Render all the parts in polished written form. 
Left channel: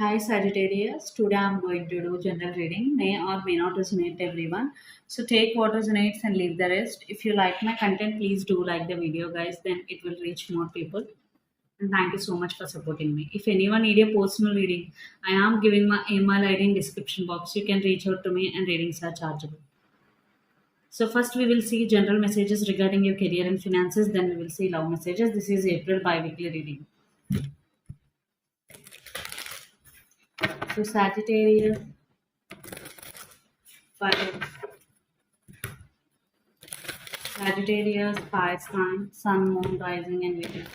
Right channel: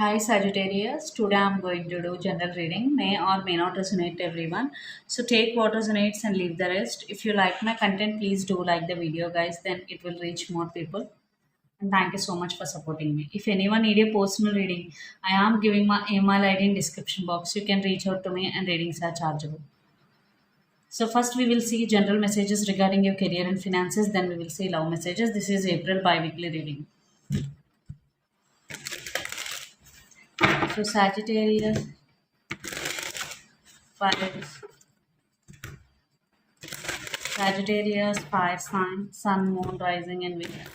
Hi Sagittarius, today I'm going to do general reading, may or may not resonate to everyone. So take what resonates and leave the rest. If you like my content, please do like the video, guys, then it will reach more people. And thank you so much for supporting me. If anyone need a personal reading, I am giving my email ID in description box. You can reach out to me and readings are chargeable. So first we will see general messages regarding your career and finances, then we will see love messages. This is April bi-weekly reading. So Sagittarius, five. Sagittarius, fire sign, sun, moon, rising, and Venus.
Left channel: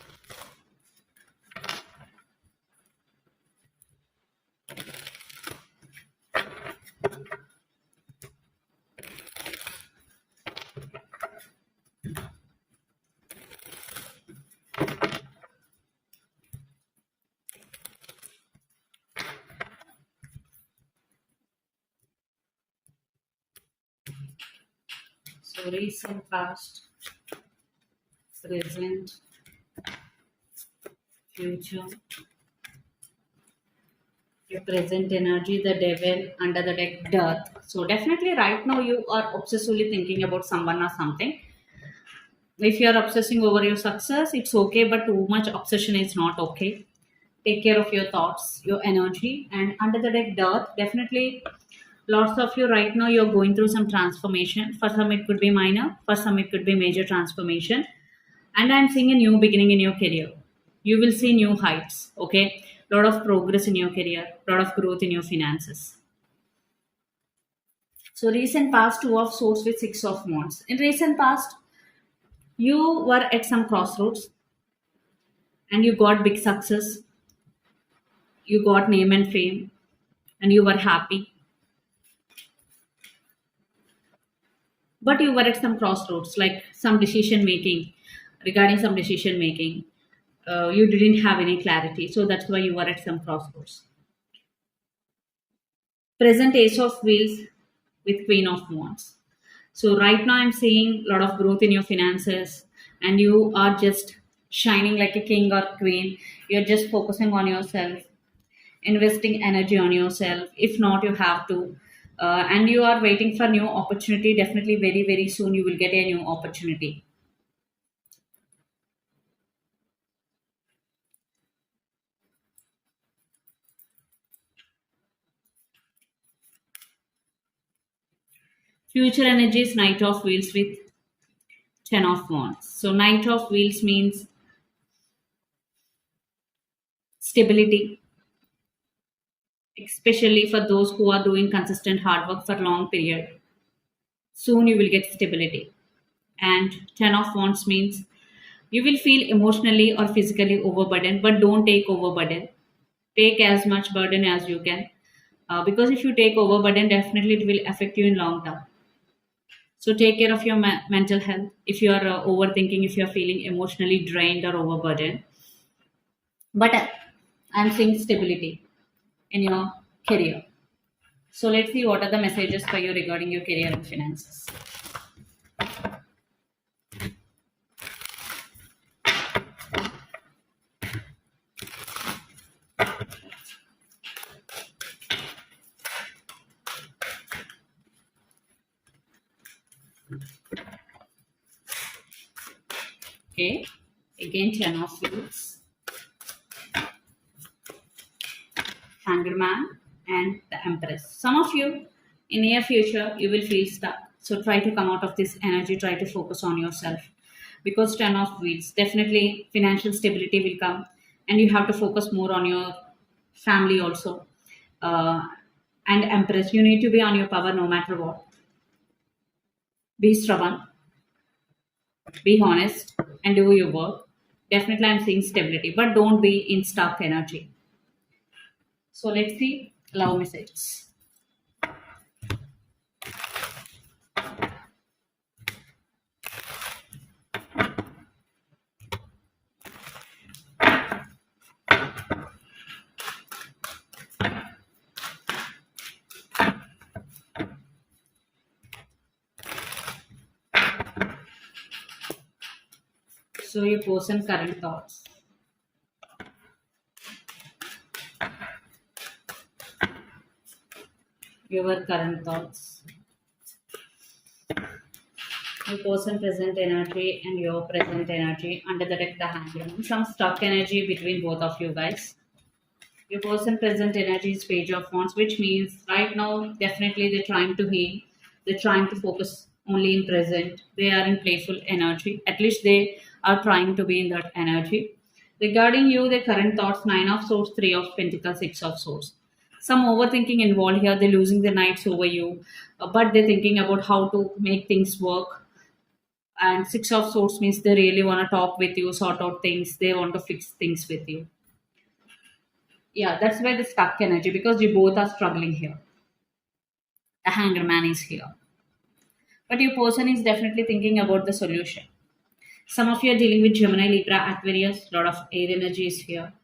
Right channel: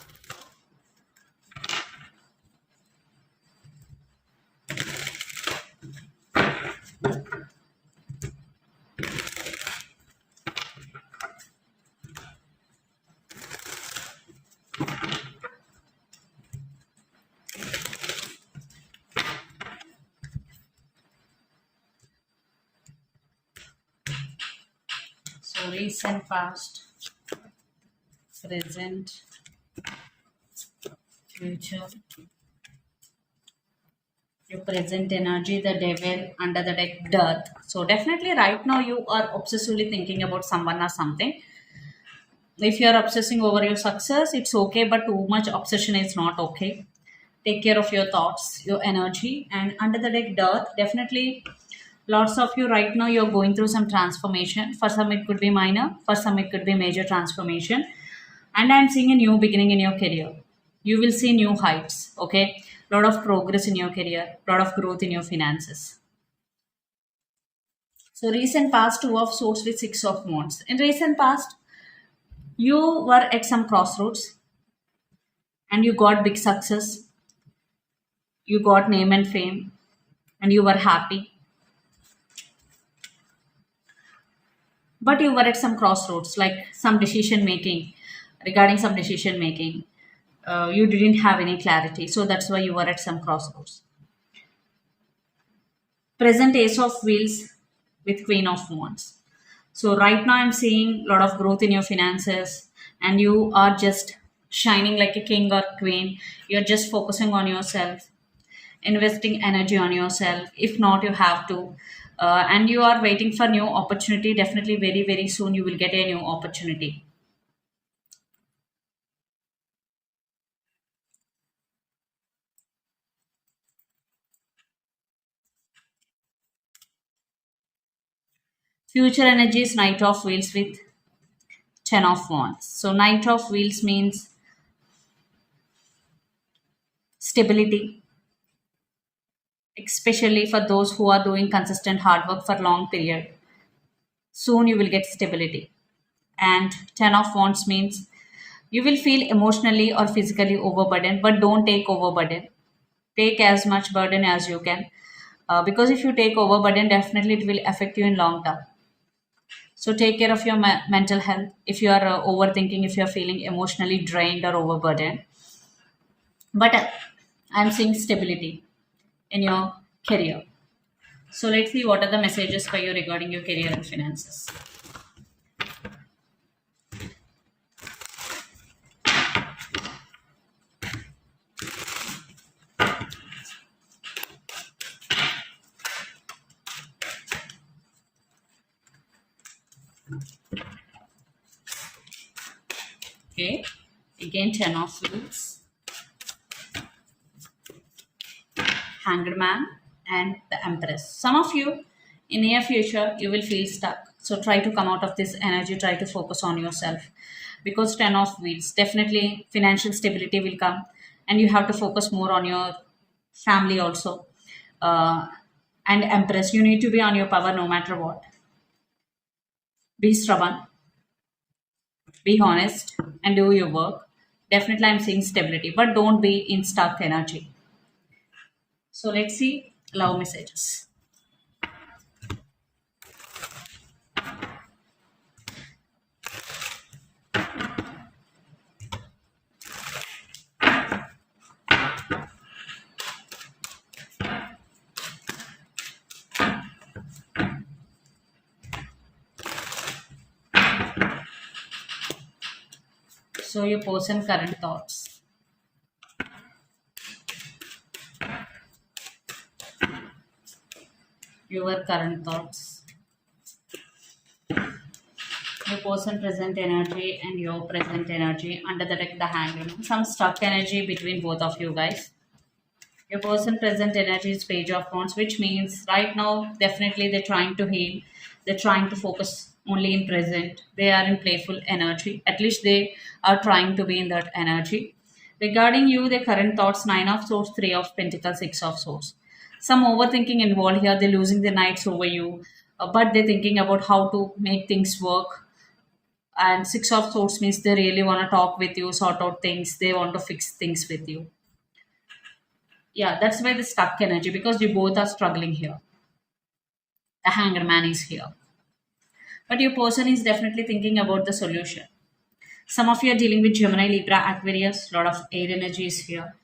So recent, past, present, future. Your present energy, the devil, under the deck, death. So definitely right now you are obsessively thinking about someone or something. If you are obsessing over your success, it's okay, but too much obsession is not okay. Take care of your thoughts, your energy, and under the deck, death. Definitely, lots of you right now you're going through some transformation. For some, it could be minor. For some, it could be major transformation. And I'm seeing a new beginning in your career. You will see new heights. Okay, lot of progress in your career, lot of growth in your finances. So recent past, two of swords with six of wands. In recent past, you were at some crossroads and you got big success, you got name and fame, and you were happy. But you were at some crossroads, like some decision making, regarding some decision making. You didn't have any clarity, so that's why you were at some crossroads. Present ace of wheels with queen of wands. So right now I'm seeing a lot of growth in your finances and you are just shining like a king or queen. You're just focusing on yourself, investing energy on yourself. If not, you have to. And you are waiting for new opportunity. Definitely very, very soon you will get a new opportunity. Future energy is knight of wheels with 10 of wands. So knight of wheels means stability, especially for those who are doing consistent hard work for long period. Soon you will get stability. And 10 of wands means you will feel emotionally or physically overburdened, but don't take overburden. Take as much burden as you can. Because if you take overburden, definitely it will affect you in long term. So take care of your mental health. If you are overthinking, if you are feeling emotionally drained or overburdened, but I'm seeing stability in your career. So let's see what are the messages for you regarding your career and finances. Okay, again 10 of wheels, hanged man, and the empress. Some of you in near future you will feel stuck. So try to come out of this energy, try to focus on yourself. Because 10 of wheels, definitely financial stability will come and you have to focus more on your family also. Uh, and empress, you need to be on your power no matter what. Be stubborn, be honest, and do your work. Definitely I'm seeing stability, but don't be in stuck energy. So let's see love messages. So your person current thoughts. Your current thoughts, your person present energy and your present energy under the deck, the hangman. Some stuck energy between both of you guys. Your person present energy is page of wands, which means right now definitely they're trying to heal. They're trying to focus only in present. They are in playful energy. At least they are trying to be in that energy. Regarding you, the current thoughts, nine of swords, three of pentacles, six of swords. Some overthinking involved here. They're losing their nights over you, but they're thinking about how to make things work. And six of swords means they really want to talk with you, sort out things. They want to fix things with you. Yeah, that's why the stuck energy, because you both are struggling here. The hanger man is here, but your person is definitely thinking about the solution. Some of you are dealing with Gemini, Libra, Aquarius. Lot of air energy is here.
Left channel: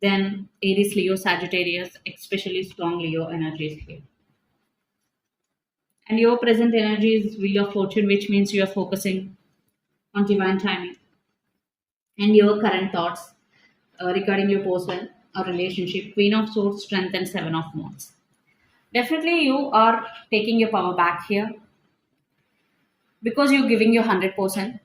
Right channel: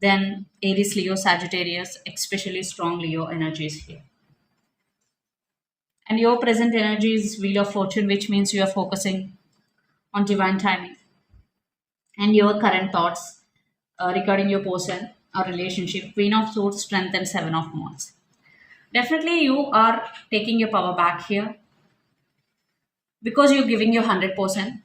Then Aries, Leo, Sagittarius, especially strong Leo energy is here. And your present energy is wheel of fortune, which means you are focusing on divine timing. And your current thoughts regarding your person or relationship, queen of swords, strength, and seven of wands. Definitely you are taking your power back here, because you're giving your 100%.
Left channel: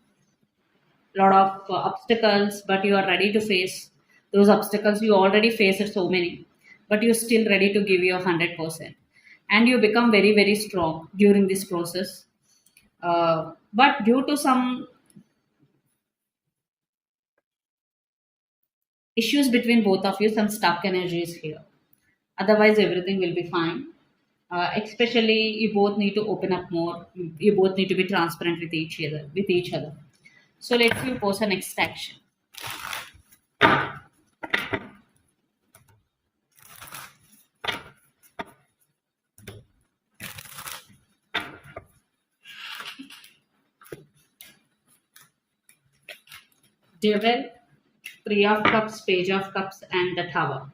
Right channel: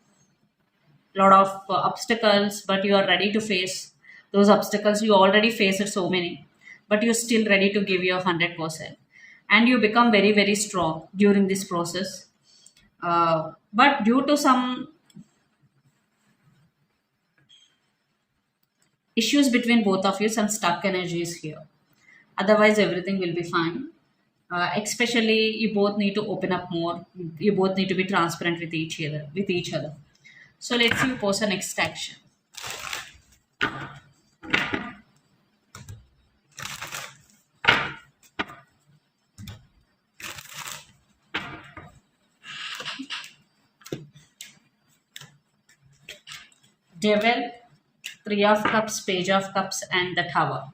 Lot of obstacles, but you are ready to face those obstacles. You already faced so many, but you're still ready to give your 100%, and you become very very strong during this process. But due to some issues between both of you, some stuck energy is here. Otherwise everything will be fine. Especially you both need to open up more. You both need to be transparent with each other. So let's see you post a next action. Devil, three of cups, page of cups, and the tower.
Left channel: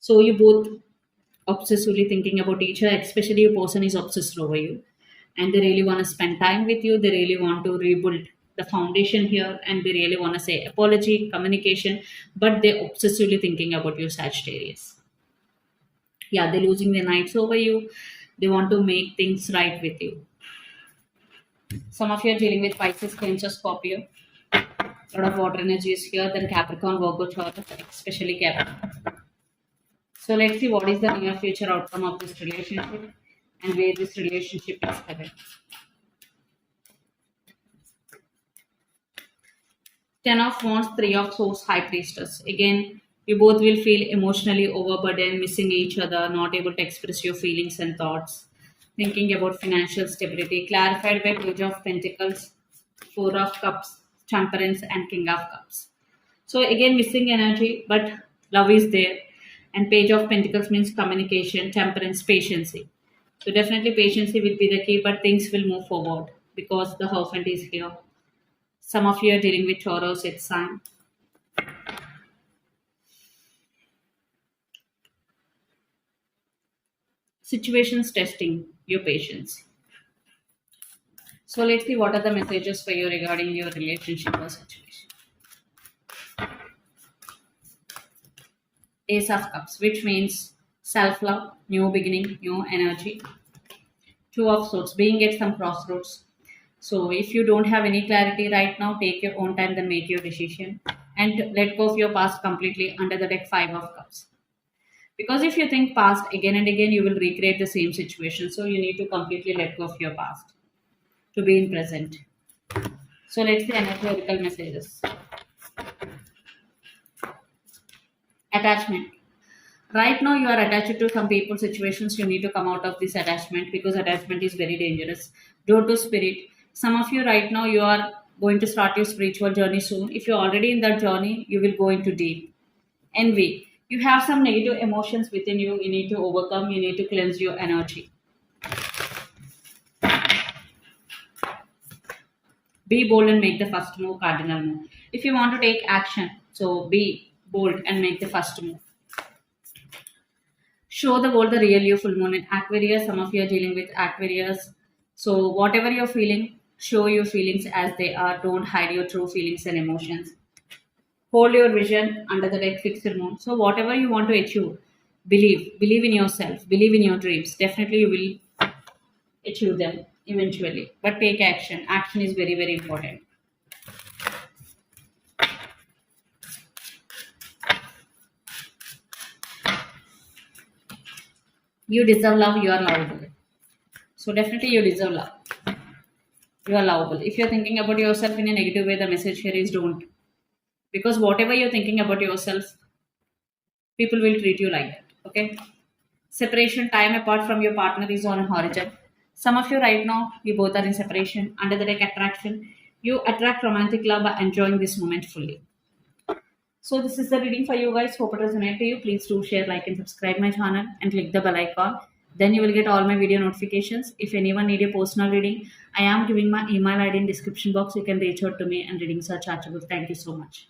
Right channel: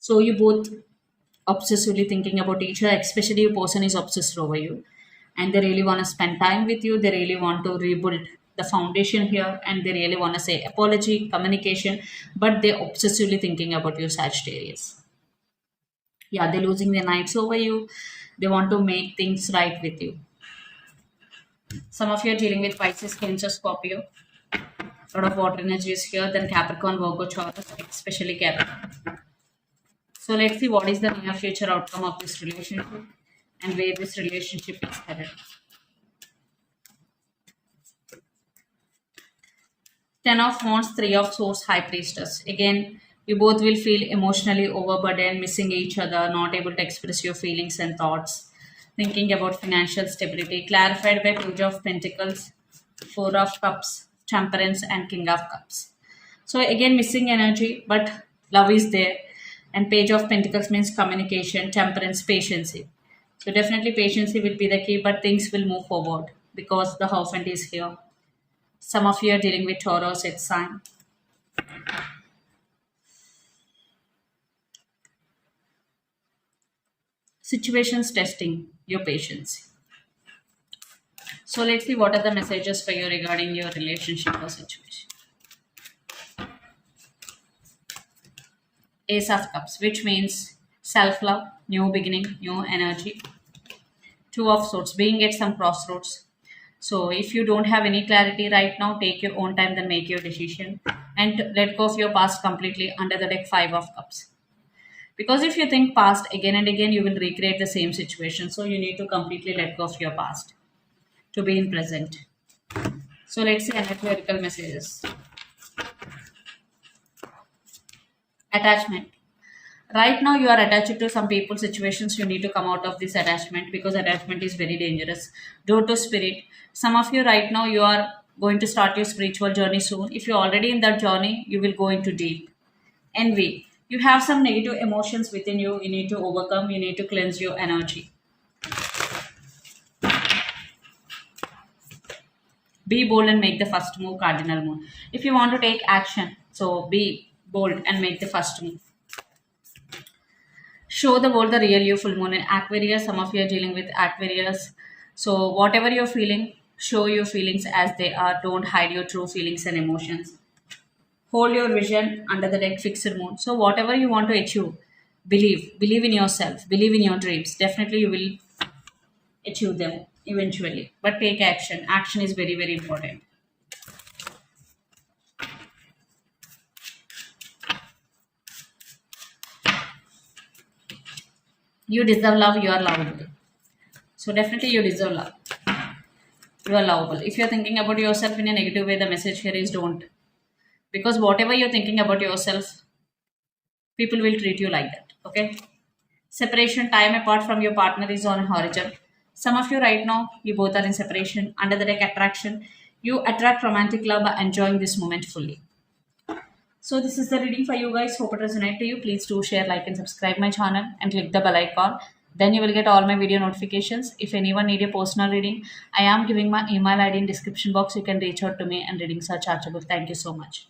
So you both obsessively thinking about each other, especially a person is obsessed over you, and they really want to spend time with you. They really want to rebuild the foundation here, and they really want to say apology, communication, but they're obsessively thinking about you, Sagittarius. Yeah, they're losing their nights over you. They want to make things right with you. Some of you are dealing with Pisces, Cancer, Scorpio. A lot of water energy is here. Then Capricorn, Virgo, Taurus, especially Capricorn. So let's see what is the near future outcome of this relationship and where this relationship is headed. Ten of Wands, Three of Swords, High Priestess. Again, you both will feel emotionally overburdened, missing each other, not able to express your feelings and thoughts, thinking about financial stability. Clarified by Page of Pentacles, Four of Cups, Temperance, and King of Cups. So again, missing energy, but love is there. And Page of Pentacles means communication, temperance, patience. So definitely patience will be the key, but things will move forward because the Hierophant is here. Some of you are dealing with Taurus, it's sign. Situations testing your patience. So let's see what are the messages for you regarding your relationship or situation. Ace of Cups, which means self love, new beginning, new energy. Two of Swords, being at some crossroads. So if you don't have any clarity right now, take your own time, then make your decision and let go of your past completely under the deck, Five of Cups. Because if you think past again and again, you will recreate the same situation. So you need to completely let go of your past to be in present. So let's say analytical messages. Attachment. Right now you are attached to some people, situations. You need to come out of this attachment because attachment is very dangerous. Door to spirit. Some of you right now, you are going to start your spiritual journey soon. If you're already in that journey, you will go into deep. Envy. You have some negative emotions within you. You need to overcome. You need to cleanse your energy. Be bold and make the first move, cardinal move. If you want to take action, so be bold and make the first move. Show the world the real you, full moon in Aquarius. Some of you are dealing with Aquarius. So whatever you're feeling, Show your feelings as they are. Don't hide your true feelings and emotions. Hold your vision under the red fixed moon. So whatever you want to achieve, believe in yourself, believe in your dreams. Definitely you will achieve them eventually. But take action. Action is very, very important. You deserve love, you are lovable. So definitely you deserve love. You are lovable. If you're thinking about yourself in a negative way, the message here is don't. Because whatever you're thinking about yourself, people will treat you like that. Okay? Separation, time apart from your partner is on a horizon. Some of you right now, you both are in separation. Under the deck attraction, you attract romantic love by enjoying this moment fully. So this is the reading for you guys. Hope it resonates to you. Please do share, like, and subscribe my channel and click the bell icon. Then you will get all my video notifications. If anyone need a personal reading, I am giving my email ID in description box. You can reach out to me and readings are chargeable. Thank you so much.